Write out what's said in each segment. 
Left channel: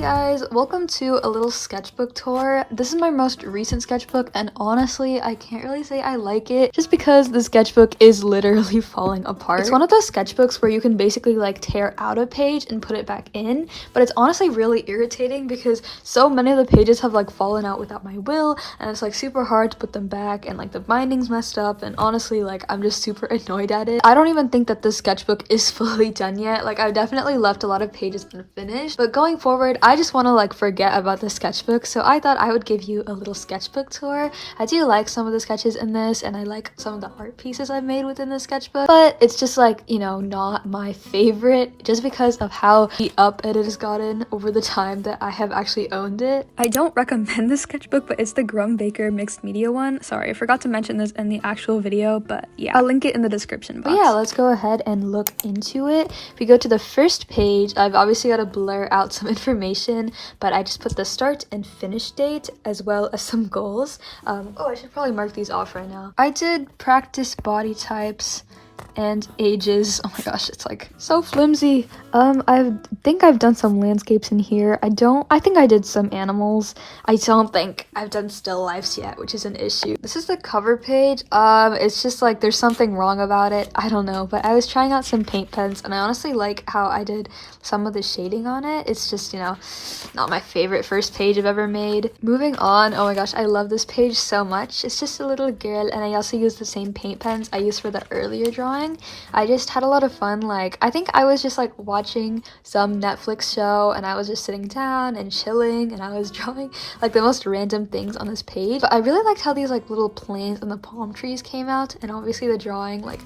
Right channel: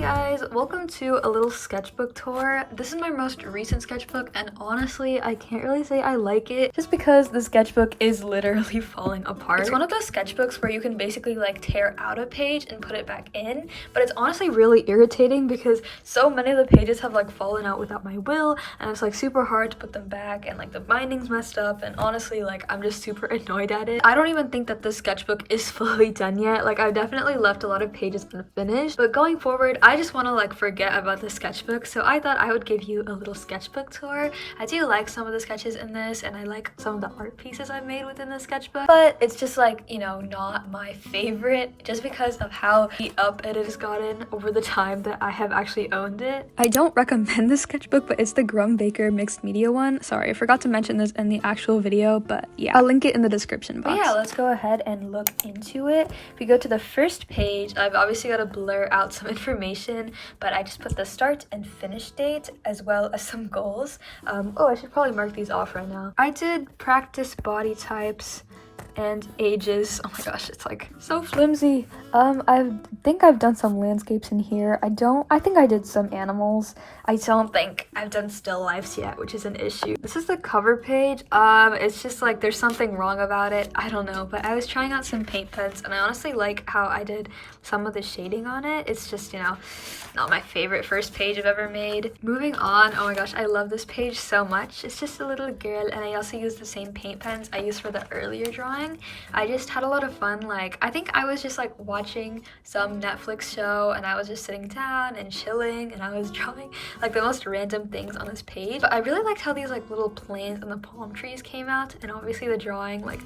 Hey guys, welcome to a little sketchbook tour. This is my most recent sketchbook and honestly I can't really say I like it just because the sketchbook is literally falling apart. It's one of those sketchbooks where you can basically like tear out a page and put it back in, but it's honestly really irritating because so many of the pages have like fallen out without my will and it's like super hard to put them back and like the binding's messed up and honestly like I'm just super annoyed at it. I don't even think that this sketchbook is fully done yet. Like I've definitely left a lot of pages unfinished, but going forward I just want to like forget about the sketchbook, so I thought I would give you a little sketchbook tour. I do like some of the sketches in this and I like some of the art pieces I've made within the sketchbook, but it's just like, you know, not my favorite just because of how beat up it has gotten over the time that I have actually owned it. I don't recommend this sketchbook, but it's the Grum Baker mixed media one. Sorry, I forgot to mention this in the actual video, but yeah, I'll link it in the description box. But yeah, let's go ahead and look into it. If you go to the first page, I've obviously got to blur out some information, but I just put the start and finish date as well as some goals. Oh, I should probably mark these off right now. I did practice body types and ages. Oh my gosh, it's like so flimsy. I think I've done some landscapes in here. I think I did some animals. I don't think I've done still lifes yet, which is an issue. This is the cover page. It's just like there's something wrong about it. I don't know, but I was trying out some paint pens and I honestly like how I did some of the shading on it. It's just, you know, not my favorite first page I've ever made. Moving on, oh my gosh, I love this page so much. It's just a little girl and I also used the same paint pens I used for the earlier drawing. I just had a lot of fun. Like I think I was just like watching some Netflix show and I was just sitting down and chilling and I was drawing like the most random things on this page. But I really liked how these like little planes and the palm trees came out, and obviously the drawing, like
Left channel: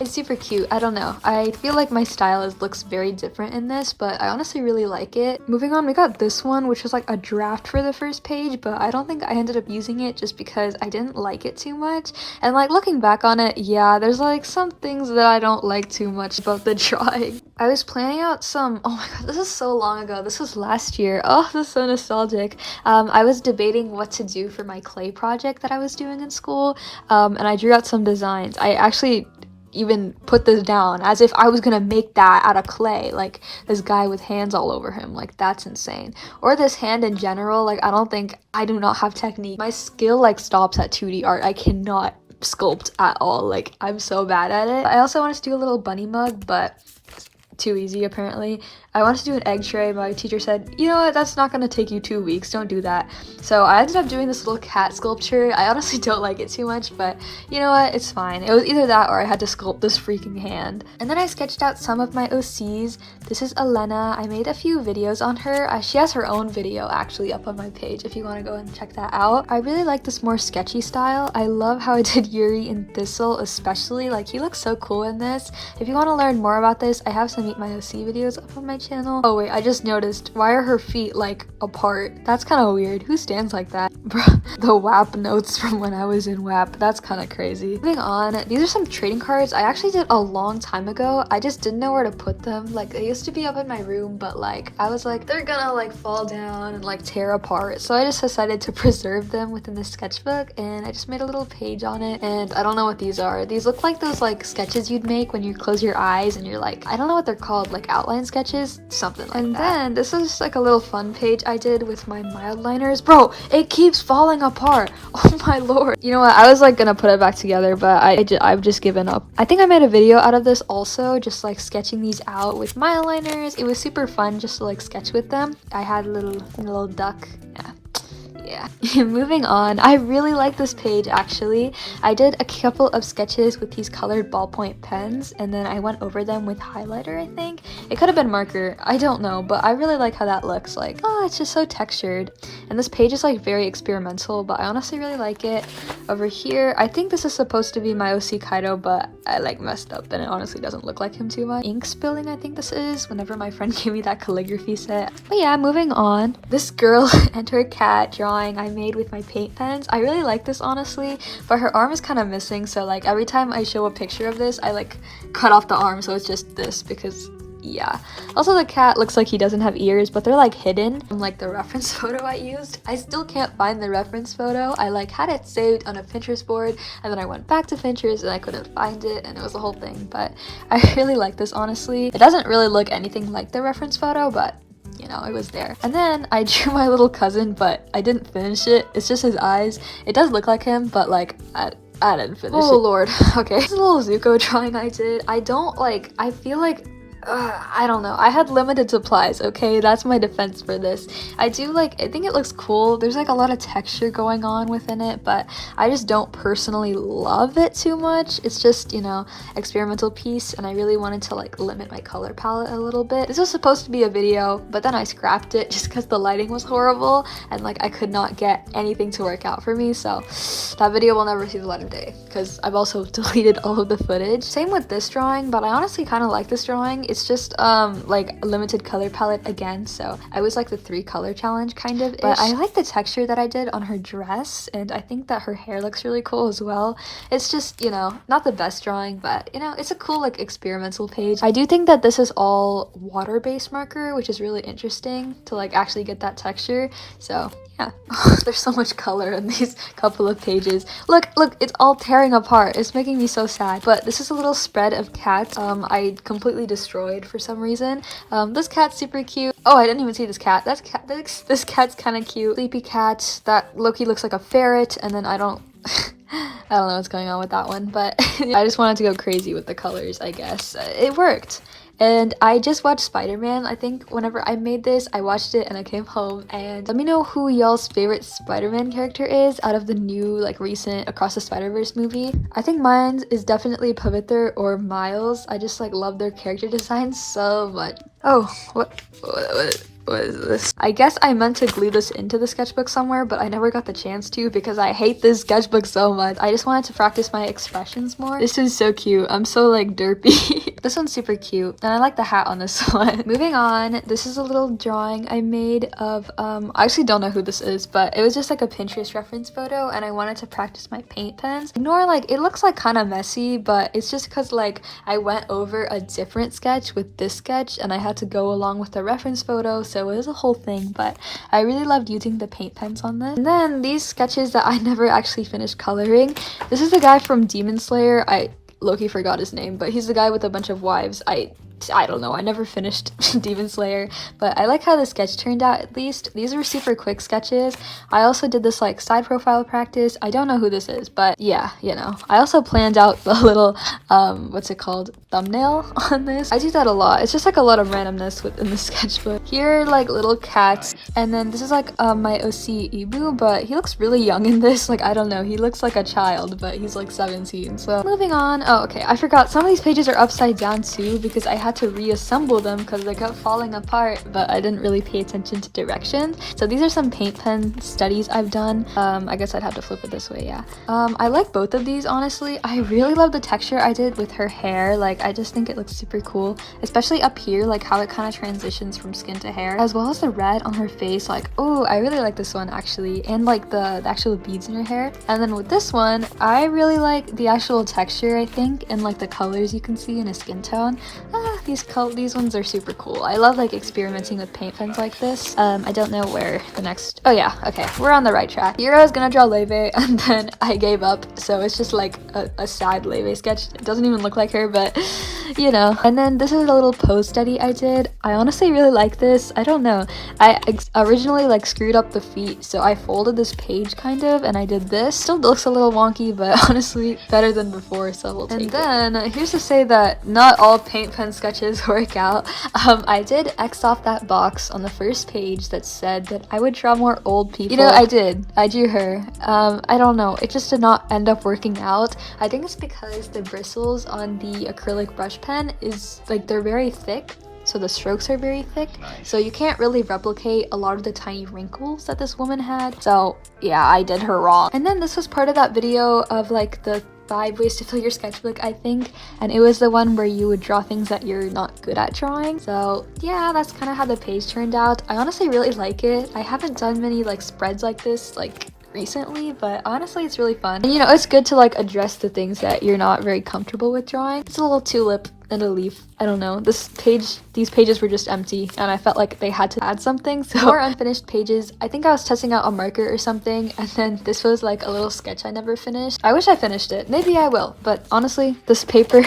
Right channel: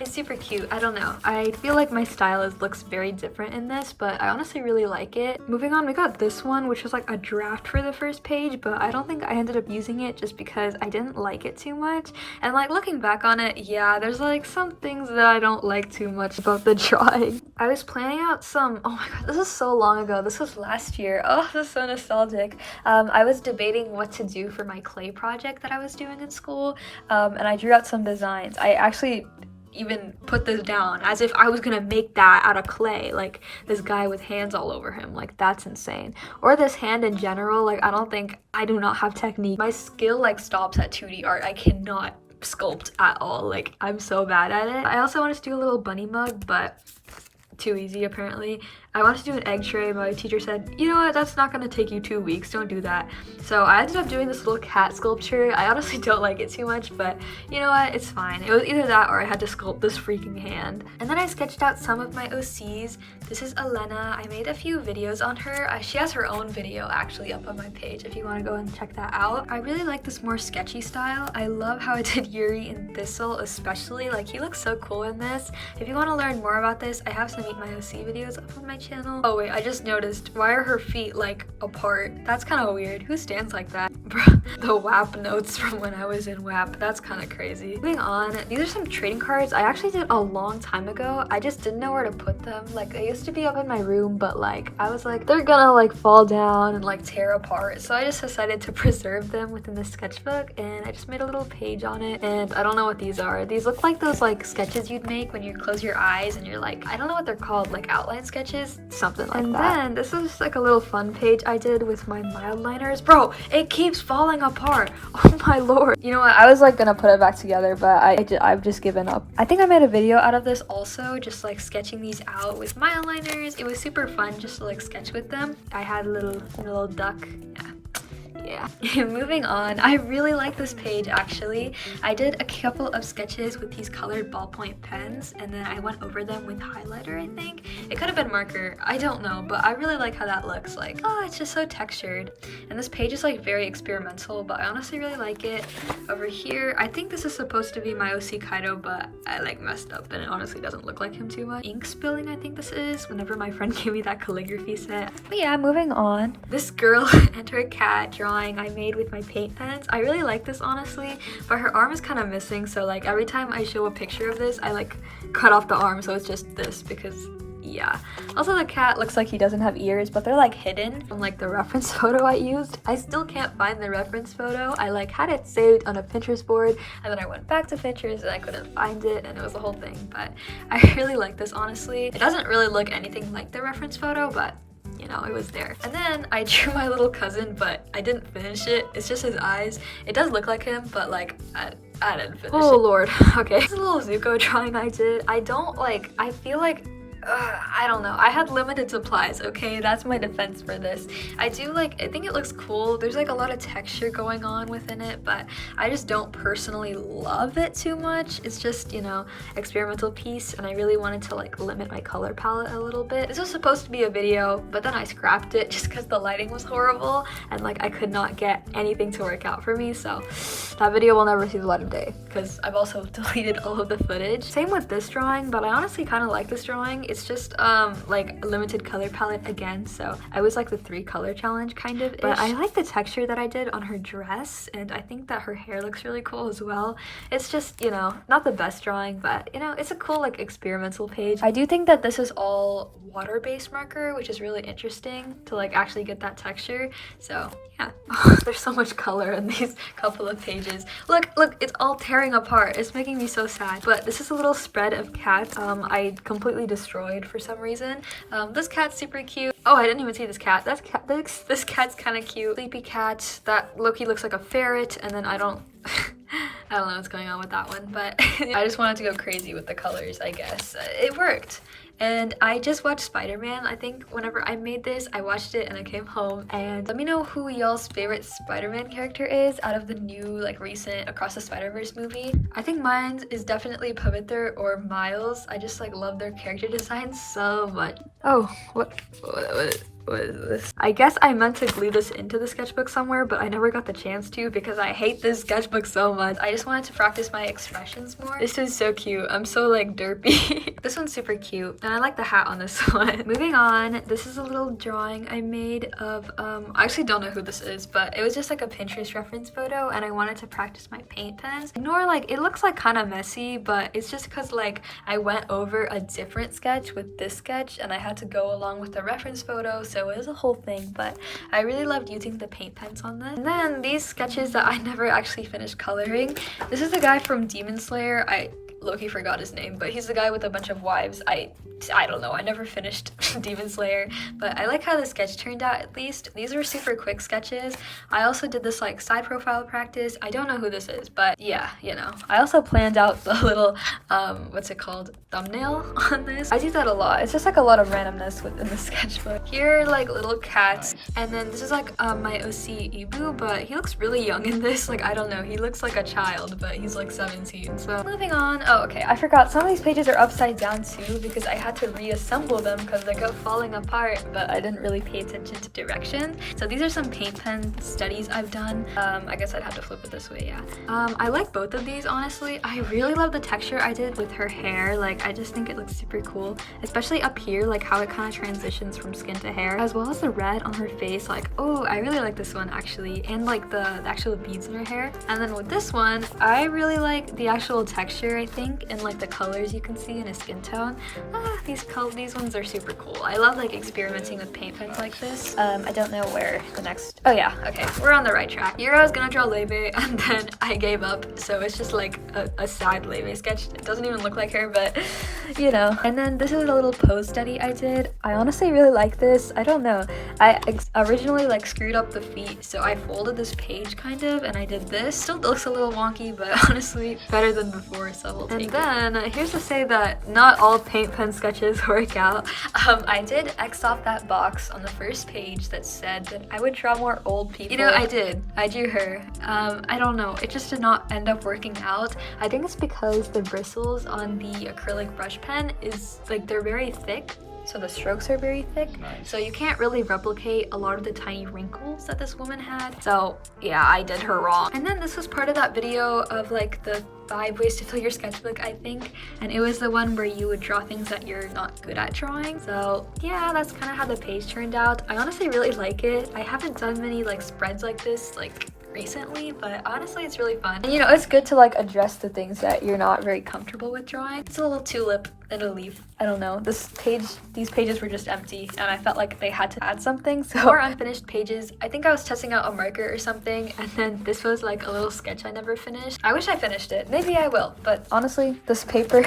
it's super cute. I don't know, I feel like my style looks very different in this, but I honestly really like it. Moving on, we got this one which was like a draft for the first page, but I don't think I ended up using it just because I didn't like it too much. And like looking back on it, yeah, there's like some things that I don't like too much about the drawing. I was planning out some, oh my god, this is so long ago, this was last year. Oh, this is so nostalgic. I was debating what to do for my clay project that I was doing in school, and I drew out some designs. I actually even put this down as if I was gonna make that out of clay, like this guy with hands all over him. Like that's insane. Or this hand in general. Like I do not have technique. My skill like stops at 2D art. I cannot sculpt at all. Like I'm so bad at it. I also wanted to do a little bunny mug, but too easy apparently. I wanted to do an egg tray. My teacher said, you know what, that's not gonna take you 2 weeks, don't do that. So I ended up doing this little cat sculpture. I honestly don't like it too much, but you know what, it's fine. It was either that or I had to sculpt this freaking hand. And then I sketched out some of my OCs. This is Elena. I made a few videos on her. She has her own video actually up on my page if you want to go and check that out. I really like this more sketchy style. I love how I did Yuri and Thistle especially. Like he looks so cool in this. If you want to learn more about this, I have some Meet My OC videos up on my channel. Oh wait, I just noticed, why are her feet like apart? That's kind of weird. Who stands like that? Bruh, the WAP notes from when I was in WAP, that's kind of crazy. Moving on, these are some trading cards I actually did a long time ago. I just didn't know where to put them. Like they used to be up in my room, but like I was like, they're gonna like fall down and like tear apart, so I just decided to preserve them within the sketchbook and I just made a little page on it. And I don't know what these are. These look like those like sketches you'd make when you close your eyes and you're like, I don't know what they're called, like outline sketches, something like that. And then this is just like a little fun page I did with my mild liners. Bro, it keeps falling apart. Oh my lord. You know what, I was like gonna put it back together, but I've just given up. I think I made a video out of this also, just like sketching these out with mild liners. It was super fun just to like sketch with them. I had a little duck. Yeah. Moving on, I really like this page actually. I did a couple of sketches with these colored ballpoint pens and then I went over them with highlighter. I think it could have been marker, I don't know, but I really like how that looks. Like, oh, it's just so textured. And this page is like very experimental, but I honestly really like it. Over here, I think this is supposed to be my OC Kaido, but I like messed up and it honestly doesn't look like him too much. Ink spilling, I think this is, whenever my friend gave me that calligraphy set. But yeah, moving on, this girl and her cat drawing I made with my paint pens. I really like this honestly, but her arm is kind of missing, so like every time I show a picture of this I like cut off the arm, so it's just this because yeah. Also the cat looks like he doesn't have ears, but they're like hidden from like the reference photo I used. I still can't find the reference photo. I like had it saved on a Pinterest board and then I went back to Pinterest and I couldn't find it and it was a whole thing, but I really like this honestly. It doesn't really look anything like the reference photo, but you know, it was there. And then I drew my little cousin, but I didn't finish it. It's just his eyes. It does look like him, but like I didn't finish it. Oh lord. Okay. This is a little Zuko drawing I did. I feel like I don't know. I had limited supplies, okay? That's my defense for this. I think it looks cool. There's like a lot of texture going on within it, but I just don't personally love it too much. It's just, you know, experimental piece, and I really wanted to like limit my color palette a little bit. This was supposed to be a video, but then I scrapped it just because the lighting was horrible and like I could not get anything to work out for me, so that video will never see the light of day because I've also deleted all of the footage. Same with this drawing, but I honestly kind of like this drawing. It's just like a limited color palette again, so I was like the 3 color challenge kind of, but I like the texture that I did on her dress, and I think that her hair looks really cool as well. It's just, you know, not the best drawing, but you know, it's a cool like experimental page. I do think that this is all water-based marker, which is really interesting to like actually get that texture, so yeah. There's so much color in these couple of pages. Look, it's all tearing apart. It's making me so sad. But this is a little spread of cats I completely destroyed for some reason. This cat's super cute. Oh, I didn't even see this cat. This cat's kind of cute. Sleepy cat. That Loki looks like a ferret, and then I don't know what's going on with that one, but I just wanted to go crazy with the colors, I guess. It worked. And I just watched Spider-Man. I think whenever I made this, I watched it and I came home. And let me know who y'all's favorite Spider-Man character is out of the new, like, recent Across the Spider-Verse movie. I think mine is definitely Pavitr or Miles. I just, like, love their character designs so much. Oh, what is this? I guess I meant to glue this into the sketchbook somewhere, but I never got the chance to because I hate this sketchbook so much. I just wanted to practice my expressions more. This is so cute. I'm so like derpy. This one's super cute, and I like the hat on this one. Moving on, this is a little drawing I made of, I actually don't know who this is, but it was just like a Pinterest reference photo, and I wanted to practice my paint pens. Ignore, like, it looks like kind of messy, but it's just because like I went over a different sketch with this sketch, and I had to go along with the reference photo, so it was a whole thing, but I really loved using the paint pens on this. And then these sketches that I never actually finished coloring. This is the guy from Demon Slayer. I low-key forgot his name, but he's the guy with a bunch of wives. I don't know, I never finished Demon Slayer, but I like how the sketch turned out at least. These were super quick sketches. I also did this like side profile practice. I don't know who this is, but yeah, you know. I also planned out the little, what's it called, thumbnail on this. I do that a lot. It's just like a lot of randomness within the sketchbook. Here are like little cats, and then this is like my OC Ibu, but he looks really young in this. Like, I don't know, he looks like a child, but he's like 17. So moving on. Oh, okay, I forgot some of these pages are upside down too because I had to reassemble them because they kept falling apart, but I didn't really pay attention to directions. So these are some paint pen studies I've done. I guess I'd have to flip it this way, yeah. I like both of these, honestly. I really love the texture I did with her hair. Like, I just think it looks super cool, especially up here, like how it kind of transitions from skin to hair, as well as the red on her face. Like, oh, I really like this one actually, and like the actual beads in her hair. And then with this one, I really like the actual texture, I think, and like the colors you can see in a skin tone. These ones are super cool. I love like experimenting with paint pens like this. I don't know where the next, oh yeah, okay, we're on the right track. Here I was gonna draw Leve, and then I gave up, so it's just like a sad Leve sketch. It doesn't even look like her, but you know. And then this is a little pose study I did. I honestly really like this. I don't know, I originally like screwed up the feet, so I folded this page kind of, and I did this. Still looks a little wonky, but honestly better than before, so we'll take it. And then here's to say that not all paint pen sketches work out. I did X off that box on the first page that said that I would draw more old people. You know, I drew her. I don't know, it just did not end up working out. I think it's because the bristles on the acrylic brush pen is like, they're very thick, so the strokes are very thick. Nice. So you can't really replicate a lot of the tiny wrinkles that this woman had. So yeah, I did her wrong. And then this was part of that video of like the 5 ways to fill your sketchbook, I think, and it was the one where you would draw things that you're not good at drawing. So yeah, that's kind of how the page turned out. I honestly really like it. I haven't done many like spreads like this like recently, but honestly it's really fun, and you know, it's good to like address the things that you're not very comfortable with drawing. It's a little tulip and a leaf. I don't know, these pages were just empty, and I felt like they had to add something. So more unfinished pages. I think I was testing out a marker or something, and then this was like a little sketch I never finished. I wish I finished it. Maybe I will, but honestly, this paper,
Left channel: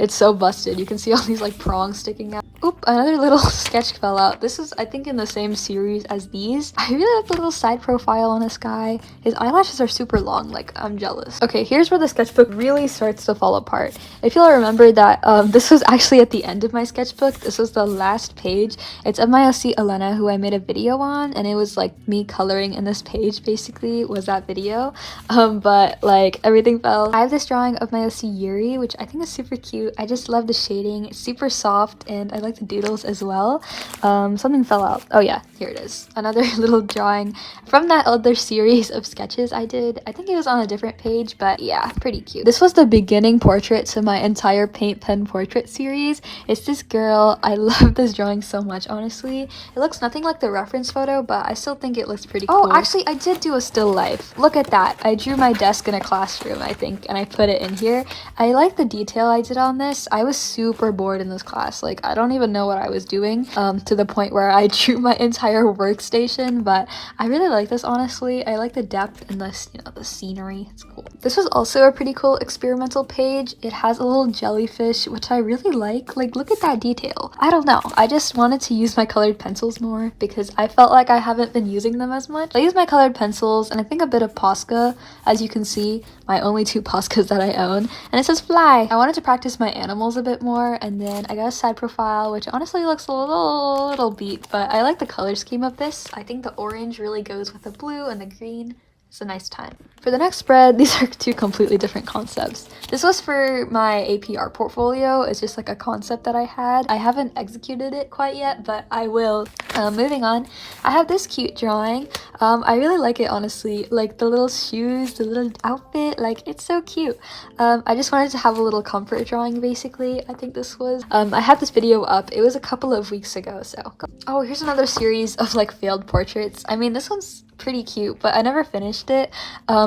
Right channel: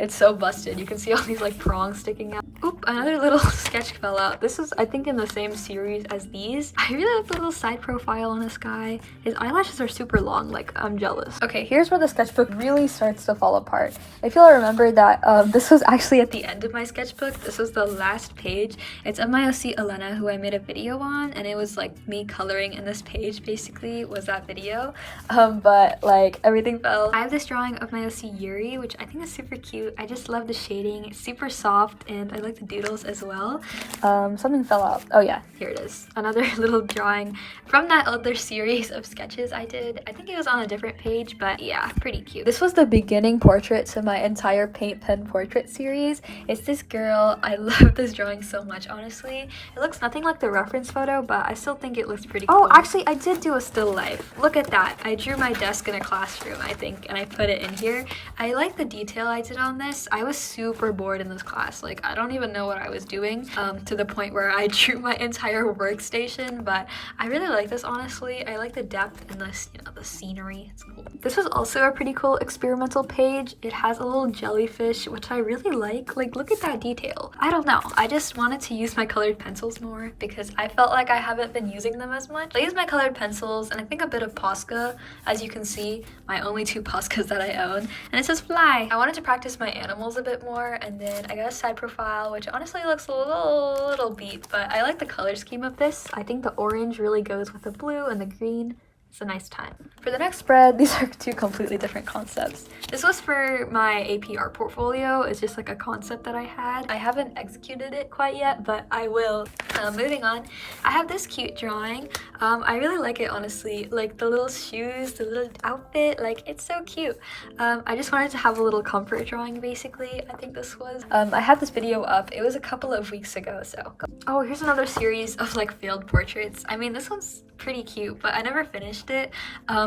it's so busted. You can see all these like prongs sticking out. Oop, another little sketch fell out. This is, I think, in the same series as these. I really like the little side profile on this guy. His eyelashes are super long, like, I'm jealous. Okay, here's where the sketchbook really starts to fall apart. If you'll remember that this was actually at the end of my sketchbook. This was the last page. It's of my SC Elena, who I made a video on, and it was like me coloring in this page, basically, was that video. But like, everything fell. I have this drawing of my SC Yuri, which I think is super cute. I just love the shading. It's super soft, and I like the doodles as well. Something fell out. Oh yeah, here it is. Another little drawing from that other series of sketches I did. I think it was on a different page, but yeah, pretty cute. This was the beginning portrait to my entire paint pen portrait series. It's this girl. I love this drawing so much, honestly. It looks nothing like the reference photo, but I still think it looks pretty cool. Oh, actually, I did do a still life. Look at that. I drew my desk in a classroom, I think, and I put it in here. I like the detail I did on this. I was super bored in this class. Like, I don't even know what I was doing, to the point where I drew my entire workstation, but I really like this, honestly. I like the depth in this, you know, the scenery. It's cool. This was also a pretty cool experimental page. It has a little jellyfish, which I really like. Like, look at that detail. I don't know. I just wanted to use my colored pencils more because I felt like I haven't been using them as much. I use my colored pencils and I think a bit of Posca, as you can see, my only 2 Poscas that I own, and it says fly. I wanted to practice my animals a bit more, and then I got a side profile, which honestly looks a little beat, but I like the color scheme of this. I think the orange really goes with the blue and the green. It's a nice time. For the next spread, these are 2 completely different concepts. This was for my AP art portfolio. It's just like a concept that I had. I haven't executed it quite yet, but I will. Moving on, I have this cute drawing. I really like it, honestly. Like the little shoes, the little outfit, like it's so cute. I just wanted to have a little comfort drawing, basically. I think this was. I had this video up. It was a couple of weeks ago, so. Oh, here's another series of like failed portraits. I mean, this one's pretty cute, but I never finished it,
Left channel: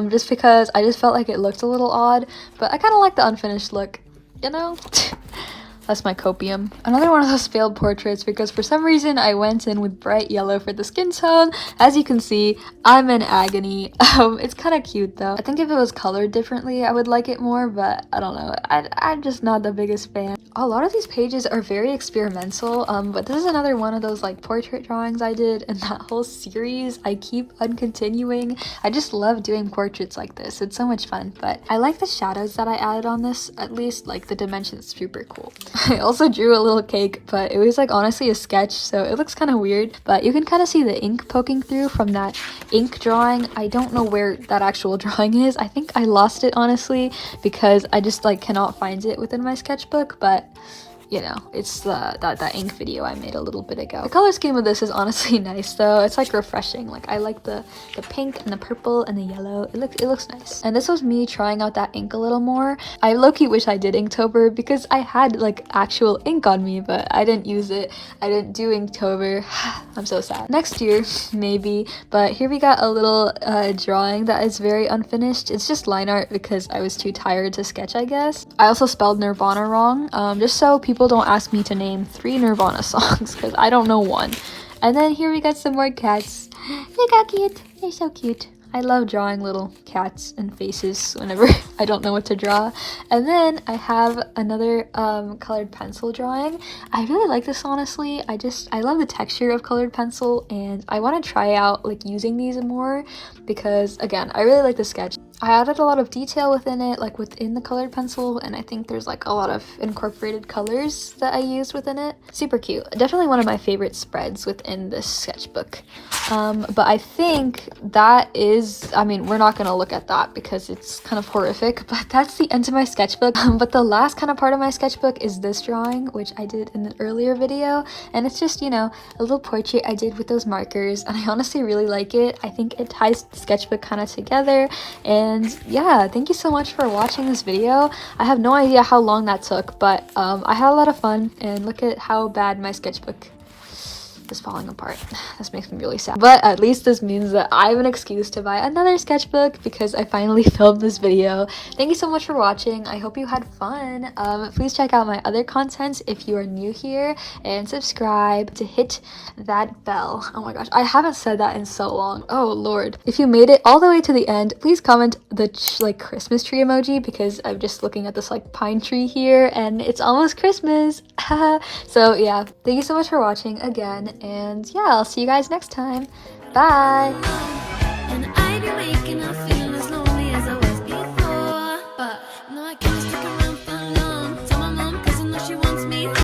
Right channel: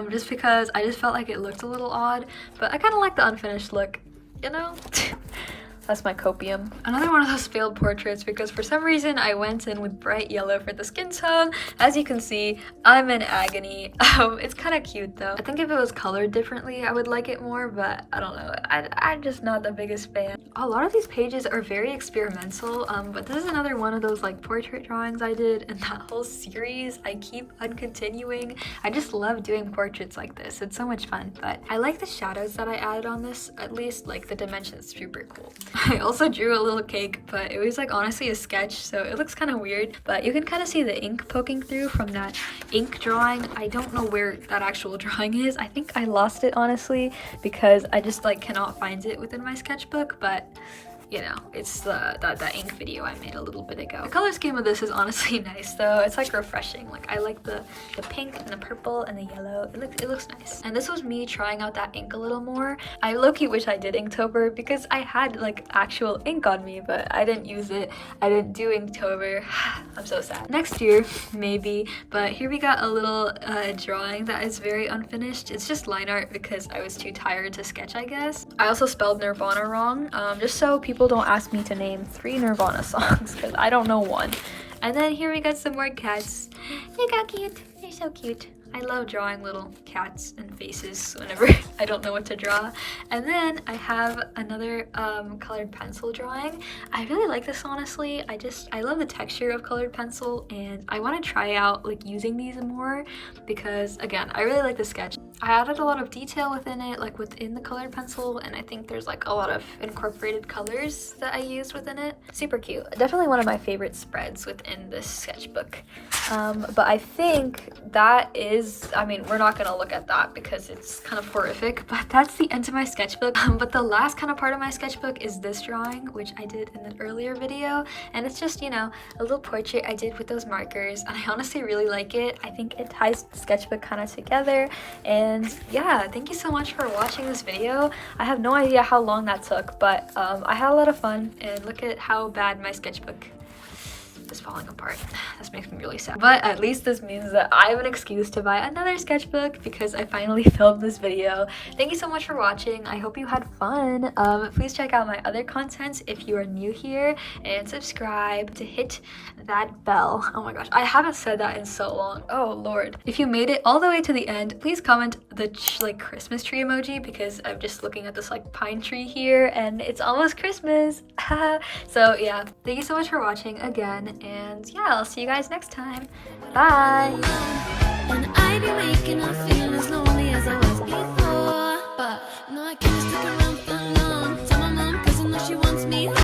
just because I just felt like it looked a little odd, but I kind of like the unfinished look, you know? That's my copium. Another one of those failed portraits because for some reason I went in with bright yellow for the skin tone. As you can see, I'm in agony. It's kind of cute though. I think if it was colored differently, I would like it more, but I don't know. I'm just not the biggest fan. A lot of these pages are very experimental, but this is another one of those like portrait drawings I did in that whole series. I keep on continuing. I just love doing portraits like this. It's so much fun, but I like the shadows that I added on this. At least like the dimension's super cool. I also drew a little cake, but it was like honestly a sketch, so it looks kind of weird, but you can kind of see the ink poking through from that ink drawing. I don't know where that actual drawing is. I think I lost it, honestly, because I just like cannot find it within my sketchbook, but you know, it's that ink video I made a little bit ago. The color scheme of this is honestly nice though. It's like refreshing. Like I like the pink and the purple and the yellow. It looks nice. And this was me trying out that ink a little more. I low-key wish I did Inktober because I had like actual ink on me, but I didn't use it. I didn't do Inktober. I'm so sad. Next year, maybe. But here we got a little drawing that is very unfinished. It's just line art because I was too tired to sketch, I guess. I also spelled Nirvana wrong, just so people don't ask me to name 3 Nirvana songs because I don't know one. And then here we got some more cats. Look how cute. They're so cute. I love drawing little cats and faces whenever I don't know what to draw. And then I have another colored pencil drawing. I really like this, honestly. I love the texture of colored pencil, and I want to try out like using these more because again, I really like the sketch. I added a lot of detail within it, like within the colored pencil, and I think there's like a lot of incorporated colors that I used within it. Super cute. Definitely one of my favorite spreads within this sketchbook. But I think that is, I mean, we're not going to look at that because it's kind of horrific, but that's the end of my sketchbook. But the last kind of part of my sketchbook is this drawing, which I did in the earlier video, and it's just, you know, a little portrait I did with those markers, and I honestly really like it. I think it ties the sketchbook kind of together, and yeah, thank you so much for watching this video. I have no idea how long that took, but I had a lot of fun, and look at how bad my sketchbook is falling apart. This makes me really sad. But at least this means that I have an excuse to buy another sketchbook because I finally filmed this video. Thank you so much for watching. I hope you had fun. Please check out my other contents if you are new here, and subscribe to hit that bell. Oh my gosh, I haven't said that in so long. Oh lord. If you made it all the way to the end, please comment the like Christmas tree emoji, because I'm just looking at this like pine tree here and it's almost Christmas. So yeah, thank you so much for watching again, and yeah, I'll see you guys next time. Bye. And I be waking up feeling